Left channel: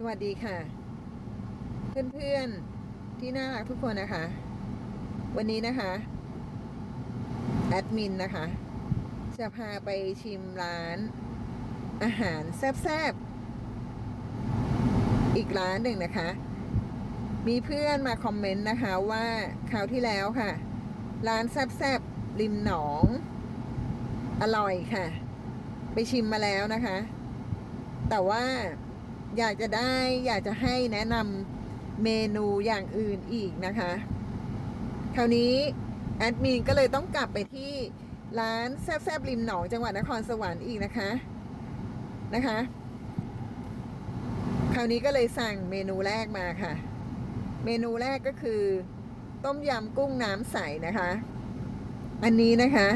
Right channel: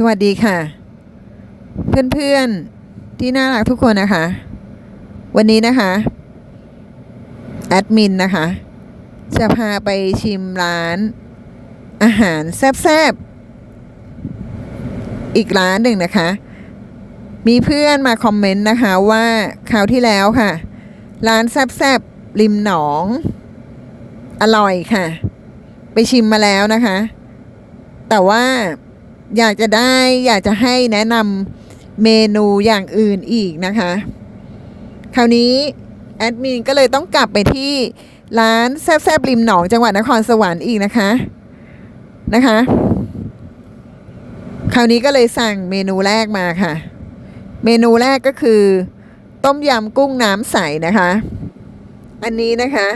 สวัสดีค่ะ เพื่อนๆที่น่ารักทุกคนนะคะ วันนี้นะคะแอดมินนะคะ จะพาไปชิมร้าน อาหารแซ่บๆ อีกร้านหนึ่งนะคะ มีเพื่อนมาคอมเมนต์นะคะว่าคราวที่แล้วค่ะ ร้านแซ่บๆ ริมหนอง อร่อยค่ะ ไปชิมมาแล้วนะคะ แต่ว่า อยากจะได้อยากจะให้แนะนำเมนูอย่างอื่นอีกนะคะ คราวนี้แอดมินก็เลยต้องกลับไปที่ร้านแซบๆริมหนองจังหวัดนครสวรรค์อีกนะคะนะคะ คราวนี้ก็เลยสั่งเมนูแรกมาค่ะ เมนูแรกก็คือ ต้มยำกุ้งน้ำใสนะคะ อันนี้นะคะ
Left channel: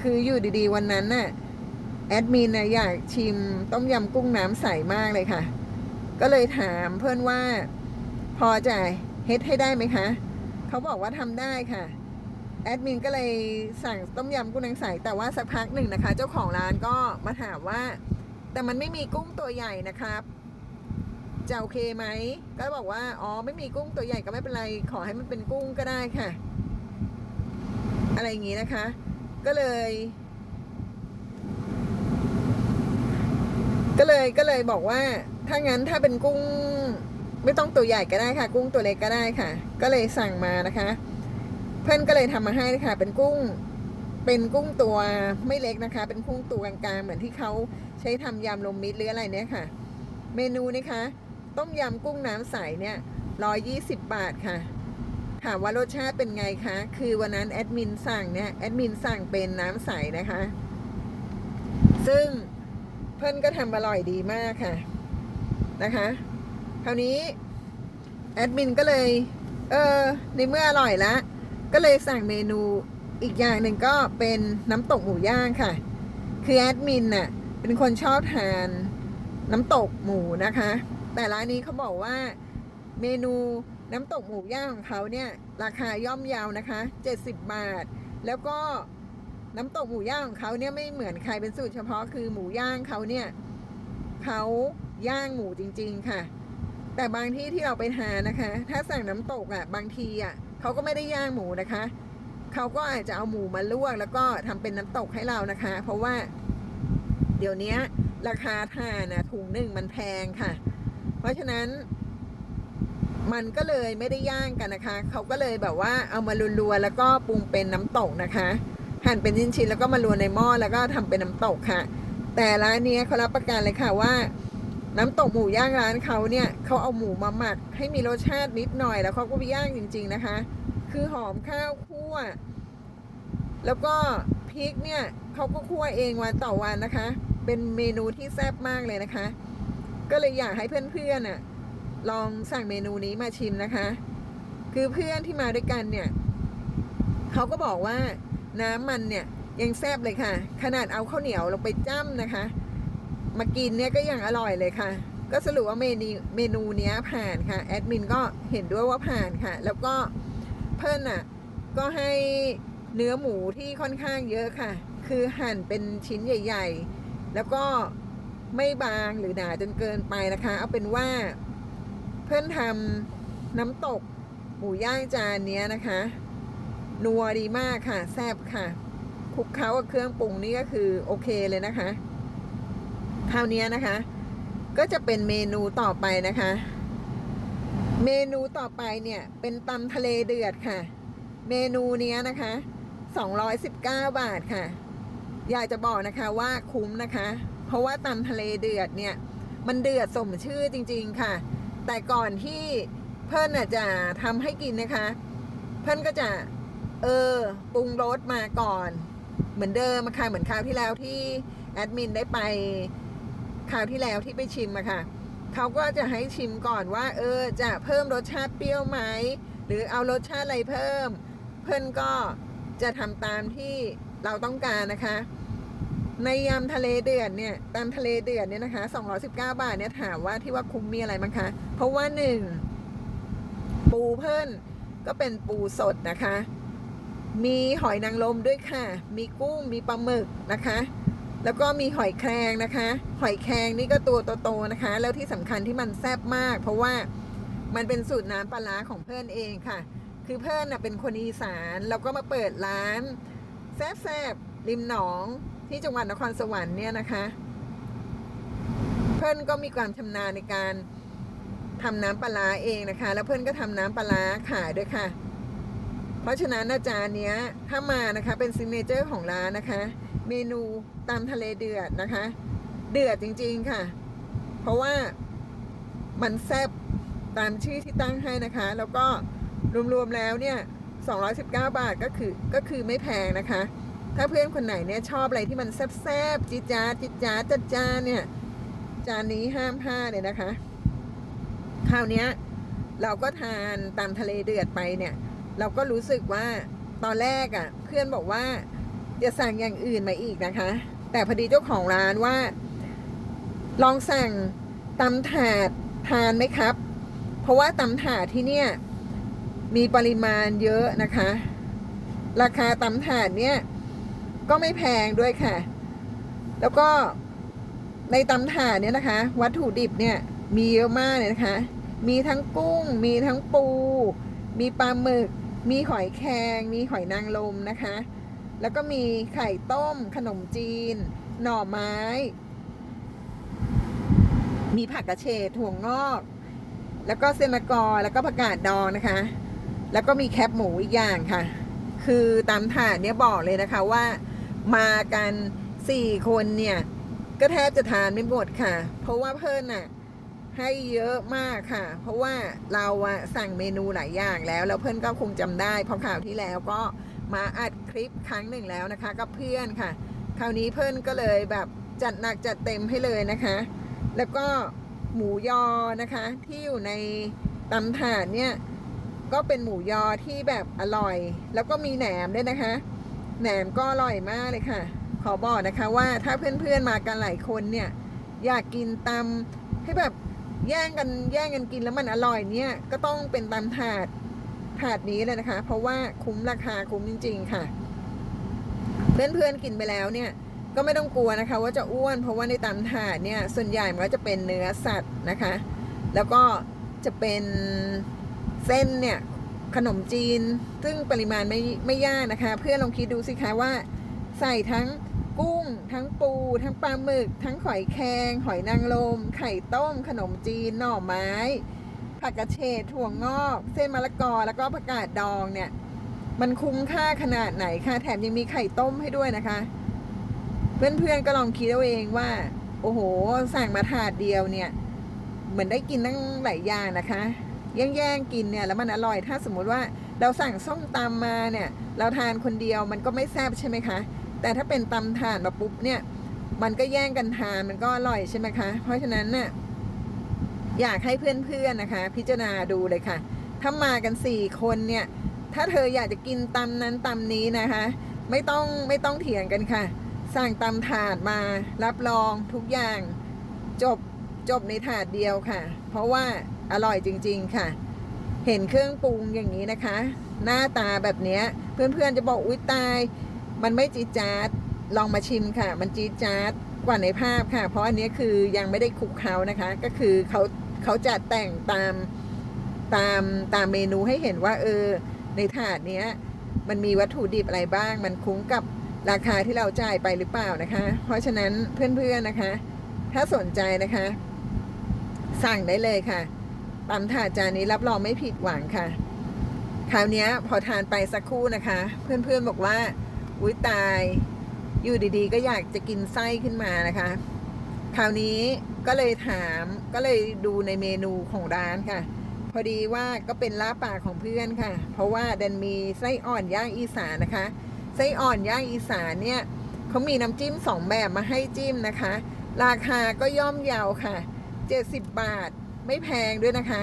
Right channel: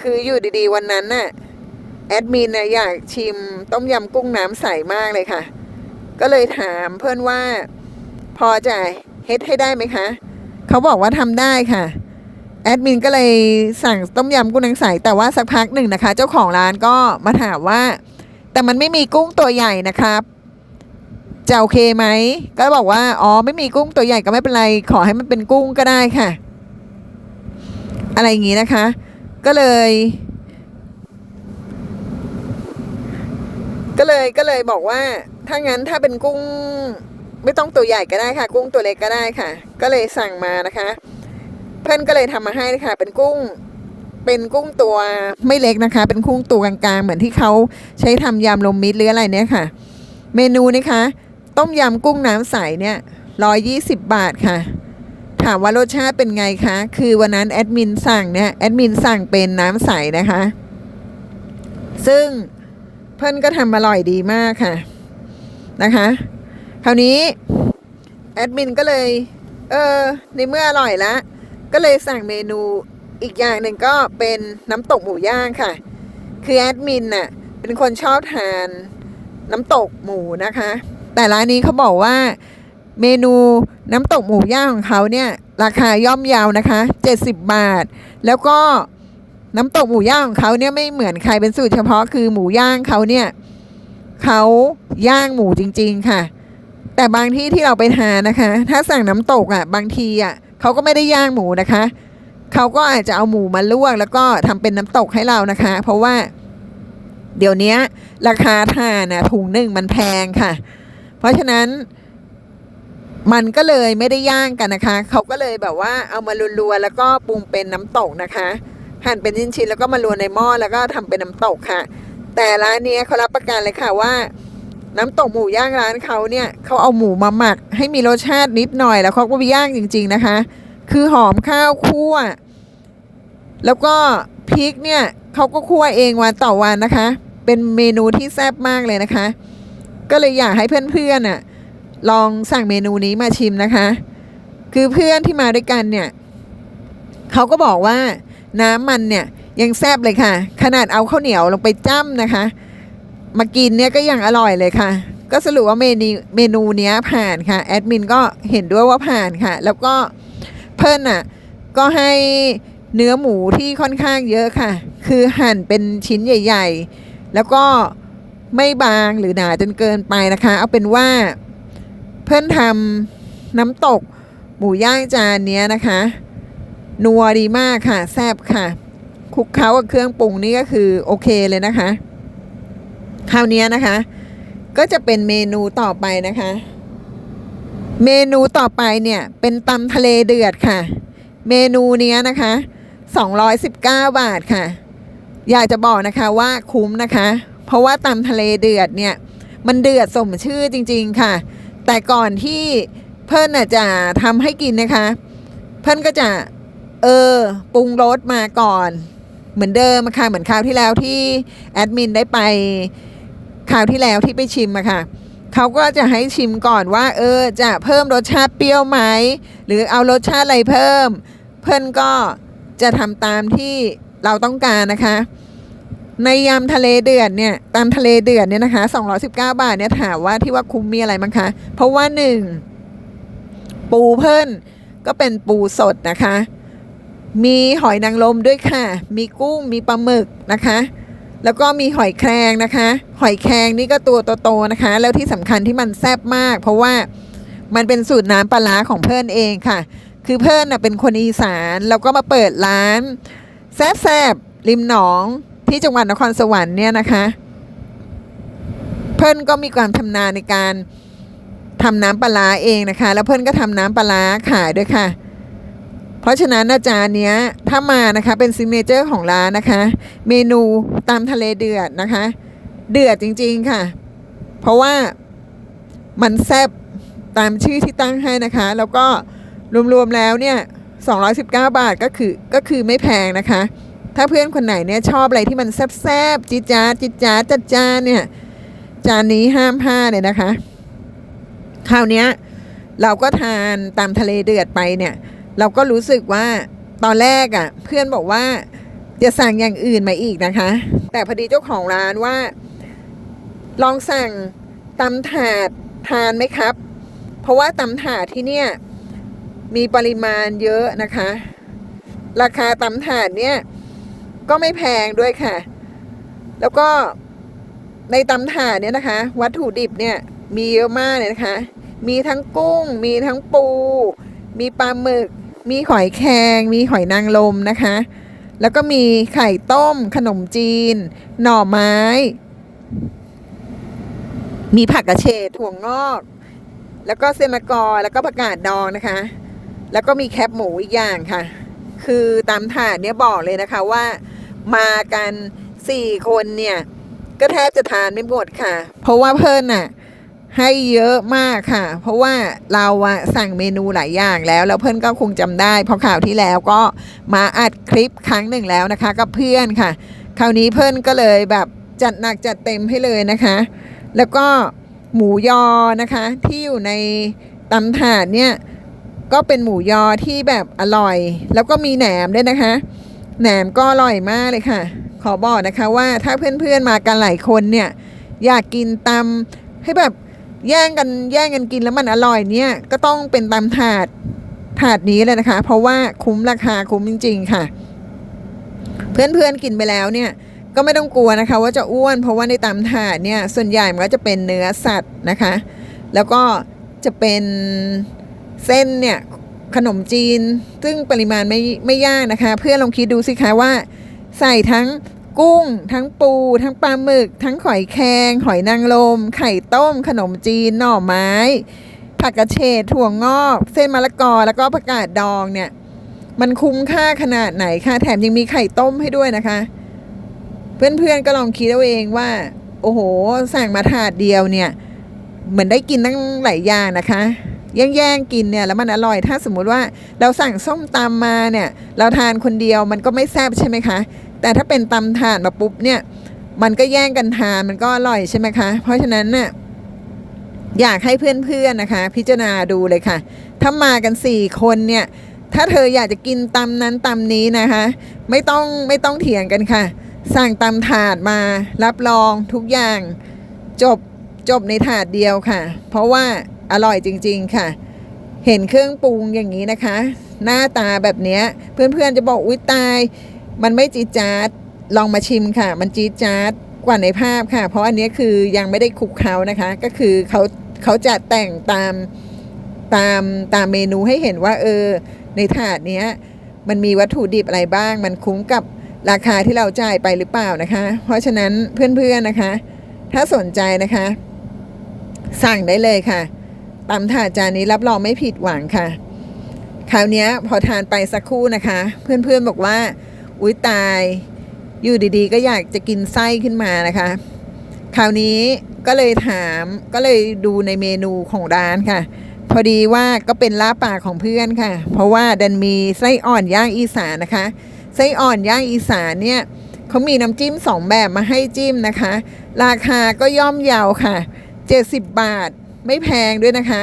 คืออยู่ดีๆวันนั้นน่ะแอดมินนะอยากชิมต้มยำกุ้งน้ำใสมากเลยค่ะ ก็เลยถามเพื่อนว่าพอจะเฮ็ดให้ได้ไหมคะ เขาบอกว่าทำได้ค่ะ แอดมินก็เลยสั่งต้มยำกุ้งน้ำใสแต่ว่าสักพักหนึ่งนะคะ เจ้าของร้านก็มาถามว่า แต่มันไม่มีกุ้งตัวใหญ่นะครับจะโอเคไหม ก็บอกว่า อ๋อ ไม่มีกุ้งตัวใหญ่ก็ไม่เป็นไร ขอให้มันเป็นกุ้งก็ได้ค่ะ อะไรอย่างนี้นะคะ ก็เลย ก็เลย ก็เลยบอกว่า ถ้างั้นถ้าเป็นกุ้งไม่ต้องตัวใหญ่ก็ได้ค่ะ กุ้งตัวเล็กก็ได้ค่ะ ก็เลยสั่งมานะคะ เพื่อนก็เลยทำมาให้ค่ะเป็นกุ้งเป็นกุ้งตัวไม่เล็กนะคะ เป็นกุ้งตัวกลางๆ เหมือนที่เขาใช้ทำยำลมมิตรหรืออะไรเนี่ยค่ะ เมนูนะคะ ต้มยำกุ้งน้ำใสเนี่ยร้อยยี่สิบบาทค่ะ ถามว่ารสชาติเป็นไงคะ คือวันนั้นแอดมินสั่งเนี่ยแอดมินสั่งเป็นน้ำใสนะคะ ซึ่งเพื่อนก็ทำอร่อยดีมากค่ะ นะคะ คราวนี้แอดมินก็เลย เออ ในเมื่ออร่อยแล้ว ก็เลยสั่งเมนูอีกอย่างหนึ่งก็เป็นน้ำตกหมูย่างค่ะ คือแอดมินน่ะ เป็นคนชอบทานน้ำตกหมูนะคะ แต่ร้านนี้เขาบอกว่าเมนูน้ำตกหมูย่างของเขาเนี่ยราคาย่อมเยาวนะคะ 70 บาท แล้วก็น้ำตกหมูย่างของเขาเนี่ยไม่เหมือนใครเป็นสูตรเฉพาะคือหมูย่างเขาเนี่ย เขาย่างหมูจริง ๆ ค่ะ แต่บางที่ที่เราไปทานนะคะ ถ้าสั่งน้ำตกอะบางทีอะเขาก็ไม่ได้ย่างหมูนะคะ เขาก็อาจจะเอาหมูมาลวก แล้วก็ทำเป็นน้ำตกให้เรานะคะ เพราะว่าเดี๋ยวนี้ราคาทานอะถุงหนึ่งมันแพงค่ะ เพราะฉะนั้นมันก็เลยไม่ได้ย่างกันนะคะ เขาก็เลยแบบว่าเอามาลัวๆแล้วก็ปรุงเป็นน้ำตกนะคะ หั่นเป็นชิ้นๆแล้วก็มาลวนในหม้อแล้วก็ทำเป็นน้ำตกค่ะ แต่ร้านนี้เขารับประกันเลยค่ะว่า น้ำตกหมูย่างร้านเขาเนี่ยเขาเอาหมูมาหมัก ให้มีรสชาตินิดหน่อยแล้วเขาก็ไปย่างจริง ๆนะคะ คือหอมข้าวคั่ว แล้วก็พริกเนี่ยเขาก็คั่วเองวันต่อวันนะคะ เป็นเมนูที่แซ่บมากเลยนะคะ ก็เลยอยากให้เพื่อนๆน่ะลองสั่งเมนูนี้มาชิมนะคะ คือเพื่อนที่มาด้วยกันเนี่ยเขาก็บอกว่าน้ำมันเนี่ย ยังแซบเลยค่ะ ขนาดเอาข้าวเหนียวลงไปจ้ำนะคะ มากินเนี่ยก็ยังอร่อยเลยค่ะ ก็สรุปว่าเมนูเมนูเนี้ยผ่านค่ะแอดมินก็เห็นด้วยว่าผ่านค่ะ แล้วก็เพิ่นอะก็ให้เนื้อหมูที่ค่อนข้างเยอะค่ะ คือหั่นเป็นชิ้นใหญ่ ๆ แล้วก็ไม่บางหรือหนาจนเกินไปนะคะ เอาเป็นว่าเพื่อนทำน้ำตกหมูย่างจานเนี้ยนะคะ นัวดีมากค่ะ แซ่บค่ะ คลุกเคล้ากับเครื่องปรุงนี่ก็คือโอเคเลยนะคะคราวนี้นะคะ ก็จะเป็นเมนูต่อไปนะคะ เมนูต่อไปเนี่ยเป็นตำทะเลเดือดค่ะ เมนูเนี้ยนะคะ 219 บาทค่ะ อยากจะบอกนะคะว่าคุ้มนะคะ เพราะว่าตำทะเลเดือดเนี่ย มันเดือดสมชื่อจริง ๆค่ะ แต่ก่อนที่เพิ่นน่ะจะทำให้กินนะคะ เพิ่นก็จะเออปรุงรสมาก่อน เหมือนเดิมค่ะเหมือนคราวที่แล้วที่แอดมินได้ไปคราวที่แล้วที่ไปชิมอะค่ะเขาก็จะให้ชิมก่อนว่า เออจะเพิ่มรสชาติเปรี้ยวไหมหรือเอารสชาติอะไรเพิ่ม เพื่อนก็จะทำตามที่เราต้องการนะคะ ในยำทะเลเดือดเนี่ยตามทะเลเดือดเนี่ยนะคะ 219 บาทเนี่ยถามว่าที่ว่าคุ้มมีอะไรมั้งคะ เพราะว่าหนึ่งปูเพิ่นก็เป็นปูสดนะคะ มีหอยนางรมด้วยค่ะ มีกุ้ง มีปลาหมึกนะคะ แล้วก็มีหอยแครงนะคะ หอยแครงนี่ก็ตัวโตๆนะคะ แล้วที่สำคัญที่มันแซ่บมาก เพราะว่ามันเป็นสูตรน้ำปลาร้าของเพื่อนเองค่ะ คือเพื่อนนะเป็นคนอีสานแล้วก็มาเปิดร้าน แซ่บๆริมหนองที่จังหวัดนครสวรรค์เนี่ยนะคะ เพื่อนก็มีความชำนาญในการทำน้ำปลาเองนะคะ แล้วเพื่อนก็ทำน้ำปลาขายด้วยค่ะ เพราะฉะนั้นอาจารย์เนี้ยถ้ามานะคะเป็นซิกเนเจอร์ของร้านนะคะ เมนูตามทะเลเดือดนะคะ เดือดจริงๆค่ะ เพราะว่ามันแซบตามชื่อที่ตั้งให้นะคะ แล้วก็รวมๆแล้วเนี่ย219 บาทก็คือก็คือไม่แพงนะคะ ถ้าเพื่อนคนไหนเนี่ยชอบอะไรที่มันแซบๆจิจ๊าจิจ๊าจัดจ้านเนี่ยจานนี้ห้ามพลาดเลยนะคะ คราวนี้เราก็ทานตามทะเลเดือดไปเนี่ย เราก็รู้สึกว่าตอนแรกอะ่ะ เพื่อนบอกว่าจะสั่งอย่างอื่นมาอีกนะคะ แต่พอดีเจ้าของร้านว่า ลองสั่งตำถาดทานไหมครับ เพราะว่าตำถาดที่เนี่ยมีปริมาณเยอะนะคะ ราคาตำถาดเนี่ยก็ไม่แพงด้วยค่ะ แล้วก็ในตำถาดเนี่ยนะคะ วัตถุดิบเนี่ยมีเยอะมากเลยนะคะ มีทั้งกุ้ง มีทั้งปู มีปลาหมึก มีหอยแครงมีหอยนางรมนะคะ แล้วก็มีไข่ต้ม ขนมจีน หน่อไม้ มีผักกระเฉดถั่วงอก แล้วก็เซมกอแล้วก็ผักกาดดองนะคะ แล้วก็มีแคบหมูอีกอย่างค่ะ คือตามถาดเนี่ยบอกเลยนะคะว่ามากันสี่คนเนี่ยก็แทบจะทานไม่หมดค่ะ เพราะว่าเพิ่นน่ะ ให้เยอะมากค่ะ เพราะว่าเราสั่งเมนูหลายอย่างแล้ว แล้วเพื่อนก็คงจำได้เพอข่าวที่แล้วก็มาอัดคลิปครั้งหนึ่งแล้วนะคะกับเพื่อนค่ะ คราวนี้เพื่อนก็เลยแบบจัดหนักจัดเต็มให้เลยนะคะ แล้วก็หมูยอนะคะ ที่อยู่ในตำถาดเนี่ยก็เป็นหมูยอที่แบบอร่อย แล้วก็มีแหนมด้วยนะคะแหนมก็อร่อยมากเลยค่ะ ขอบอกนะคะว่าถ้าเพื่อนๆมากันหลายคนเนี่ยอยากกินตำให้แบบ แย่งกันแย่งกันกินแล้วมันอร่อยเนี่ยก็ต้องเป็นตำถาดถาดนี้เลยนะคะ เพราะว่าคุ้มราคาคุ้มจริง ๆ ค่ะ เพื่อนๆกินไปแล้วเนี่ยก็ไม่ต้องกลัวนะคะ ว่าจะอ้วนเพราะว่าในตำถาดเนี่ยส่วนใหญ่มันก็จะเป็นเนื้อสัตว์นะคะ แล้วก็จะเป็นเส้นเนี่ยขนมจีน ซึ่งปริมาณไม่ไม่ยากนะคะ เพื่อนลองคิดดูสิคะว่า ใส่ทั้ง กุ้ง ทั้งปู ทั้งปลาหมึก ทั้งหอยแครงหอยนางรมไข่ต้ม ขนมจีน หน่อไม้ ผักกระเฉดถั่วงอก เส้นมะละกอแล้วก็ผักกาดดองเนี่ยมันคุ้มค่าขนาดไหนคะแถมยังมีไข่ต้มให้ด้วยนะคะ เพื่อนๆก็ลองคิดเอาเองว่า โอ้โห สั่งมาถาดเดียวเนี่ย เหมือนได้กินตั้งหลายอย่างนะคะแย่งๆกินเนี่ยแล้วมันอร่อยถ้าสมมุติว่าเราสั่งส้มตำมาเนี่ย เราทานคนเดียวมันก็ไม่แซ่บใช่ไหมคะ แต่ถ้าเป็นตำถาดมาปุ๊บเนี่ย มันก็แย่งกันทานมันก็อร่อยใช่ไหมคะ เพราะฉะนั้นน่ะอยากให้เพื่อนๆนะคะ พิจารณาดูเลยค่ะ ถ้ามากันสี่คนเนี่ย ถ้าเธออยากจะกินตำนั้นตำนี้นะคะ ไม่ต้องไม่ต้องเถียงกันค่ะ สั่งตำถาดมารับรองทุกอย่างจบจบในถาดเดียวค่ะ เพราะว่าอร่อยจริง ๆค่ะ เห็นเครื่องปรุงอย่างนี้นะคะ หน้าตาแบบนี้เพื่อนๆจะบอกอุ้ยตาย มันไม่จี๊ดจ๊ดลองมาชิมค่ะ มันจี๊ดจ๊ดกว่าในภาพค่ะ เพราะอันนี้คือยังไม่ได้คลุกเคล้านะคะ ก็คือเขาเขาจะแต่งตามตามตามเมนูให้เห็นว่า เออ ในถาดเนี้ยมันมีวัตถุดิบอะไรบ้าง มันคุ้มกับราคาที่เราจ่ายไปหรือเปล่านะคะ เพราะฉะนั้นเพื่อนๆนะคะ ถ้าสนใจนะคะ สั่งได้เลยค่ะตำถาดจานนี้รับรองไม่ผิดหวังค่ะ คราวนี้พอทานไปสักครู่นะคะ เพื่อนๆบอกว่า อุ้ยตาย อยู่ดีๆ ก็อยากจะกินไส้ขึ้นมานะคะ คราวนี้ก็เลยถามก็เลยดูในเมนูของร้านค่ะ พอดีว่าก็เป็นลาบปากของเพื่อนค่ะ เพราะว่าดันมีไส้อ่อนย่างอีสานนะคะ ไส้อ่อนย่างอีสานเนี่ยเขามีน้ำจิ้มสองแบบมาให้จิ้มนะคะ ราคาก็ย่อมเยาวค่ะ 70 บาทไม่แพงด้วยนะคะ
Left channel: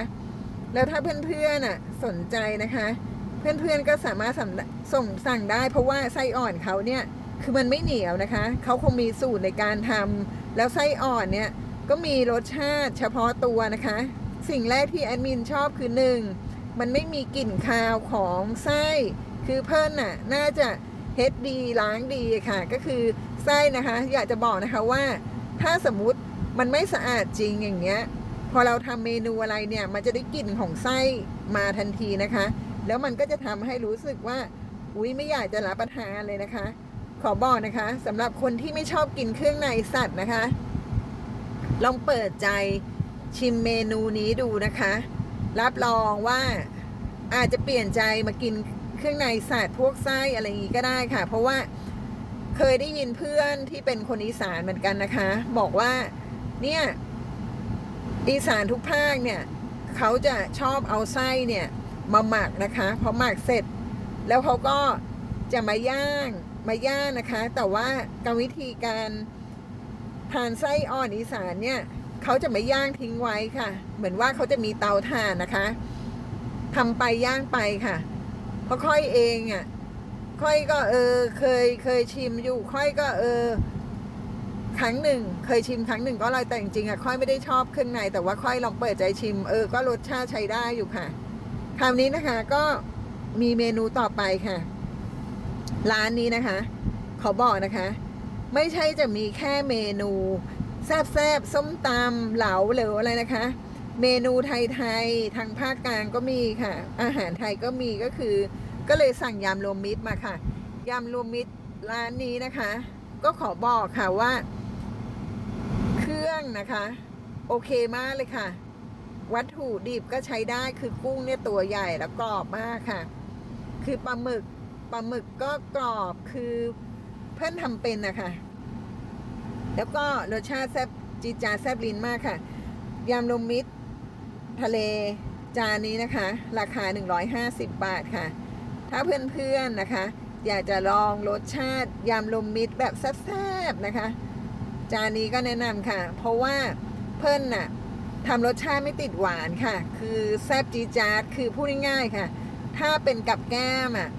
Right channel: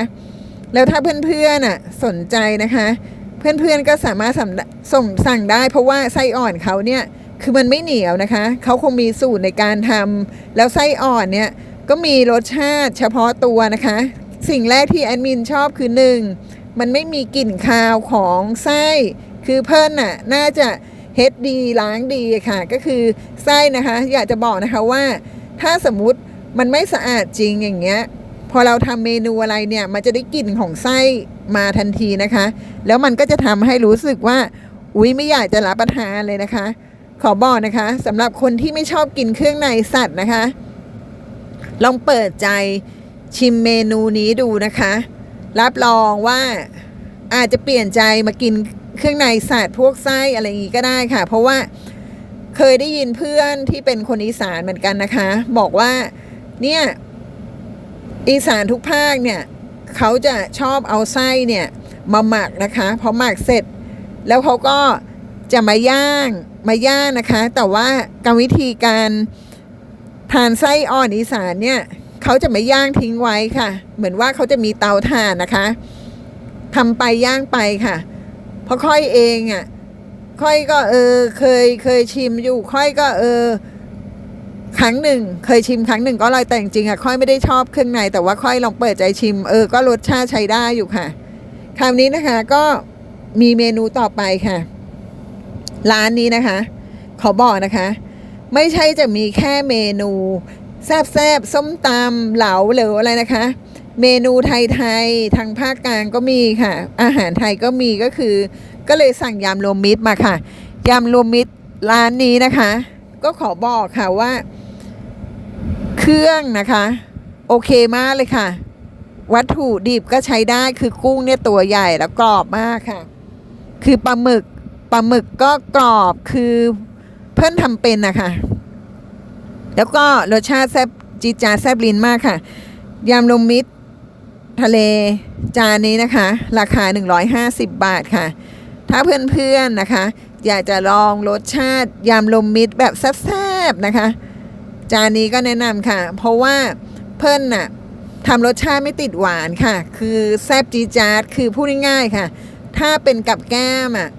แล้วถ้าเพื่อนๆน่ะสนใจนะคะ เพื่อนๆก็สามารถสั่งส่งสั่งได้ เพราะว่าไส้อ่อนเขาเนี่ยคือมันไม่เหนียวนะคะเขาคงมีสูตรในการทำแล้วไส้อ่อนเนี่ยก็มีรสชาติเฉพาะตัวนะคะ สิ่งแรกที่แอดมินชอบคือหนึ่งมันไม่มีกลิ่นคาวของไส้ คือเพิ่นน่ะน่าจะเฮ็ดดีล้างดีค่ะ ก็คือไส้นะคะ อยากจะบอกนะคะว่า ถ้าสมมุติมันไม่สะอาดจริงอย่างเงี้ย พอเราทำเมนูอะไรเนี่ยมันจะได้กลิ่นของไส้มาทันทีนะคะ แล้วมันก็จะทำให้รู้สึกว่าอุ๊ยไม่อยากจะรับประทานเลยนะคะ ขอบอกนะคะสำหรับคนที่ไม่ชอบกินเครื่องในสัตว์นะคะ ลองเปิดใจชิมเมนูนี้ดูนะคะ รับรองว่าอาจจะเปลี่ยนใจมากินเครื่องในสัตว์พวกไส้อะไรอย่างนี้ก็ได้ค่ะ เพราะว่าเคยได้ยินเพื่อนที่เป็นคนอีสานเหมือนกันนะคะ บอกว่าเนี่ย อีสานทุกภาคเนี่ยเขาจะชอบเอาไส้เนี่ยมาหมักนะคะพอหมักเสร็จ แล้วเขาก็จะมาย่างมาย่างนะคะ แต่ว่ากรรมวิธีการทานไส้อ่อนอีสานเนี่ยเขาจะไม่ย่างทิ้งไว้ค่ะ เหมือนว่าเขาจะมีเตาถ่านนะคะทำไปย่างไปค่ะเพราะค่อยเองอะค่อยก็เออเคยเคยชิมอยู่ค่อยก็เออ ครั้งหนึ่ง เคยชิมครั้งหนึ่งก็อร่อยแต่จริงๆอะค่อยไม่ได้ชอบเครื่องในแต่ว่าค่อยลองเปิดใจชิม เออก็รสชาติใช้ได้อยู่ค่ะ คราวนี้นะคะก็มีเมนูต่อไปค่ะ ร้านนี้นะคะ ขอบอกนะคะ ไม่ใช่จะมีแค่เมนูแซบๆส้มตำเหลาหรืออะไรนะคะ เมนูไทยๆทางภาคกลางก็มีค่ะ อาหารไทยก็มีก็คือ ก็เลยสั่งยำรวมมิตรมาค่ะยำรวมมิตรร้านนี้นะคะ ก็ขอบอกค่ะว่า เครื่องนะคะ โอเคมากเลยค่ะ วัตถุดิบก็ใช้ได้คือกุ้งเนี่ยตัวใหญ่แล้วกรอบมากค่ะ คือปลาหมึกปลาหมึกก็กรอบคือเพื่อนทำเป็นนะคะแล้วก็รสชาติแซ่บจีจาแซ่บลิ้นมากค่ะยำลมมิตรทะเลจานนี้นะคะ ราคา 150 บาทค่ะ ถ้าเพื่อนๆนะคะ อยากจะลองรสชาติยำลมมิตรแบบแซ่บๆนะคะ จานนี้ก็แนะนำค่ะ เพราะว่าเพื่อนน่ะทำรสชาติไม่ติดหวานค่ะ คือแซ่บจีจาดคือพูดง่ายๆค่ะ ถ้าเป็นกับแก้มอะ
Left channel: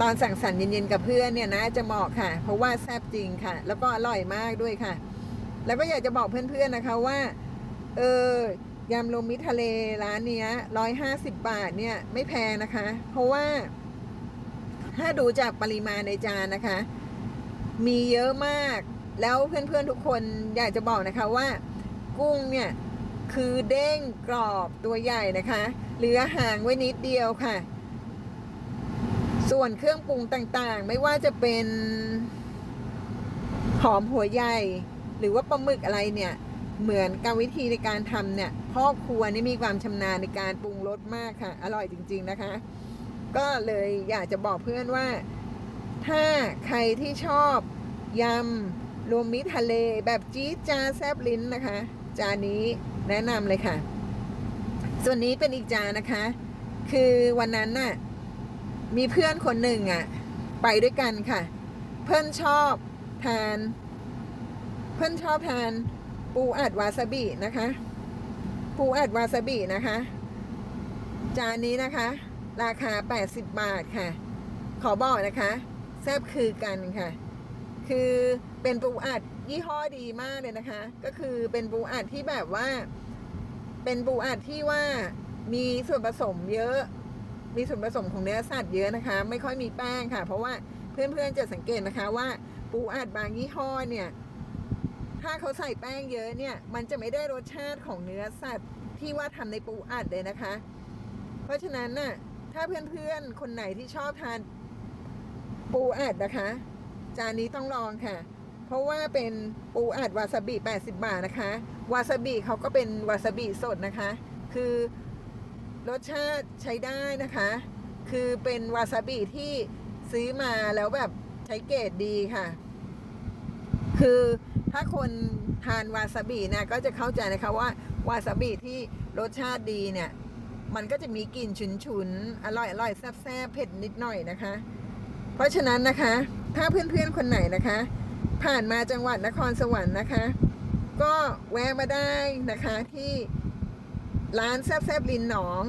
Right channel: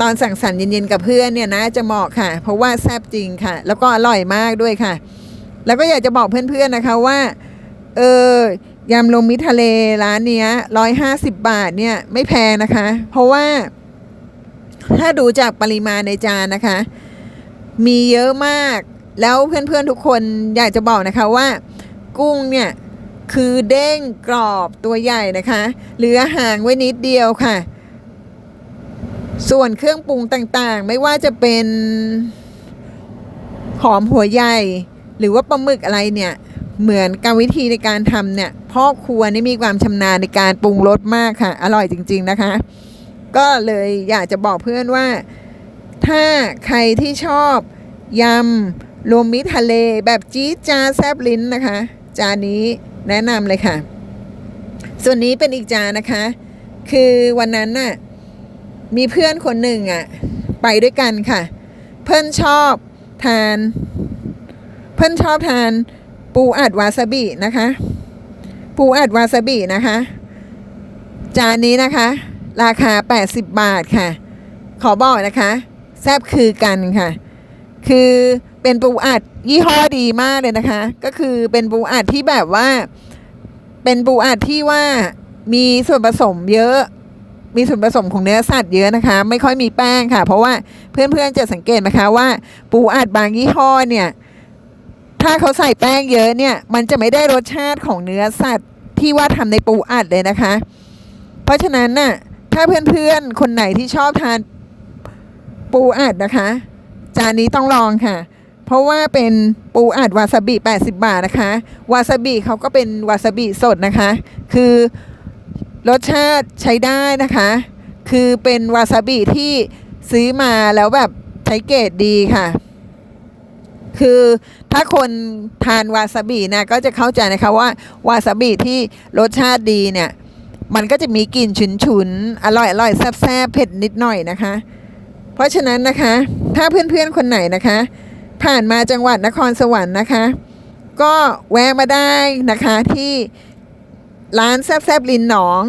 ตอนสั่งสรรค์เย็นๆกับเพื่อนเนี่ยนะจะเหมาะค่ะ เพราะว่าแซ่บจริงค่ะ แล้วก็อร่อยมากด้วยค่ะ แล้วก็อยากจะบอกเพื่อนๆนะคะว่าเออยำลมมิตรทะเลร้านเนี้ยร้อยห้าสิบบาทเนี่ยไม่แพงนะคะ เพราะว่าถ้าดูจากปริมาณในจานนะคะ มีเยอะมาก แล้วเพื่อนๆทุกคนอยากจะบอกนะคะว่า กุ้งเนี่ยคือเด้งกรอบตัวใหญ่นะคะ เหลือห่างไว้นิดเดียวค่ะ ส่วนเครื่องปรุงต่างๆ ไม่ว่าจะเป็นหอมหัวใหญ่ หรือว่าปลาหมึกอะไรเนี่ย เหมือนกรรวิธีในการทำเนี่ยพ่อครัวนี่มีความชำนาญในการปรุงรสมากค่ะ อร่อยจริง ๆนะคะ ก็เลยอยากจะบอกเพื่อนว่า ถ้าใครที่ชอบยำ รวมมิตรทะเลแบบจี๊ดจ้าแซบลิ้นนะคะ จานนี้แนะนำเลยค่ะ ส่วนนี้เป็นอีกจานนะคะ คือวันนั้นน่ะมีเพื่อนคนหนึ่งอะไปด้วยกันค่ะ เพื่อนชอบทาน เพื่อนชอบทานปูอัดวาซาบินะคะ ปูอัดวาซาบินะคะ จานนี้นะคะ ราคา 80 บาทค่ะ ขอบอกนะคะ แซบคือกันค่ะ คือ เป็นปูอัดยี่ห้อดีมากเลยนะคะ ก็คือเป็นปูอัดที่แบบว่า เป็นปูอัดที่ว่ามีส่วนผสมเยอะ มีส่วนผสมของเนื้อสัตว์เยอะนะคะ ไม่ค่อยมีแป้งค่ะ เพราะว่าเพื่อนๆจะสังเกตนะคะว่า ปูอัดบางยี่ห้อเนี่ย ถ้าเขาใส่แป้งเยอะเนี่ย มันจะไม่ได้รสชาติของเนื้อสัตว์ที่ว่าทำในปูอัดเลยนะคะ เพราะฉะนั้นน่ะถ้าเพื่อนๆ คนไหนที่ชอบทานปูอัดนะคะ จานนี้ต้องลองค่ะ ราะว่าเป็นปูอัดวาซาบิ 80 บาทนะคะ วาซาบิเขาก็เป็นวาซาบิสดนะคะ คือรสชาติใช้ได้นะคะ คือเป็นวาซาบิที่ซื้อมาแล้วแบบใช้เกรดดีค่ะ คือถ้าคนทานวาซาบินะก็จะเข้าใจนะคะว่าวาซาบิที่รสชาติดีเนี่ย มันก็จะมีกลิ่นฉุนๆอร่อยอร่อยแซ่บๆเผ็ดนิดหน่อยนะคะ เพราะฉะนั้นนะคะ ถ้าเพื่อนๆคนไหนนะคะ ผ่านมาจังหวัดนครสวรรค์นะคะ ก็แวะมาได้นะคะที่ร้านแซบๆลินหนอง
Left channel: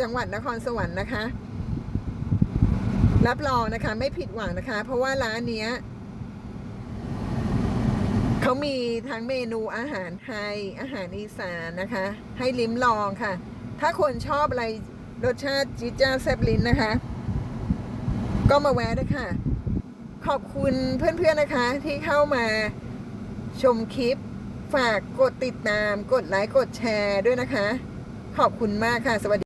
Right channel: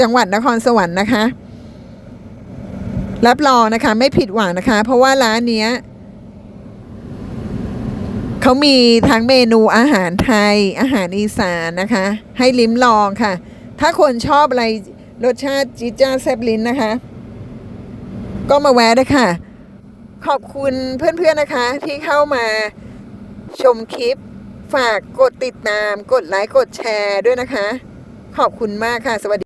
จังหวัดนครสวรรค์นะคะ รับรองนะคะไม่ผิดหวังนะคะ เพราะว่าร้านเนี้ยเขามีทั้งเมนูอาหารไทยอาหารอีสานนะคะ ให้ลิ้มลองค่ะ ถ้าคนชอบอะไรรสชาติจิจ้าแซบลิ้นนะคะ ก็มาแวะได้ค่ะ ขอบคุณเพื่อนๆนะคะที่เข้ามาชมคลิป ฝากกดติดตาม กดไลค์ กดแชร์ด้วยนะคะ ขอบคุณมากค่ะ สวัสดี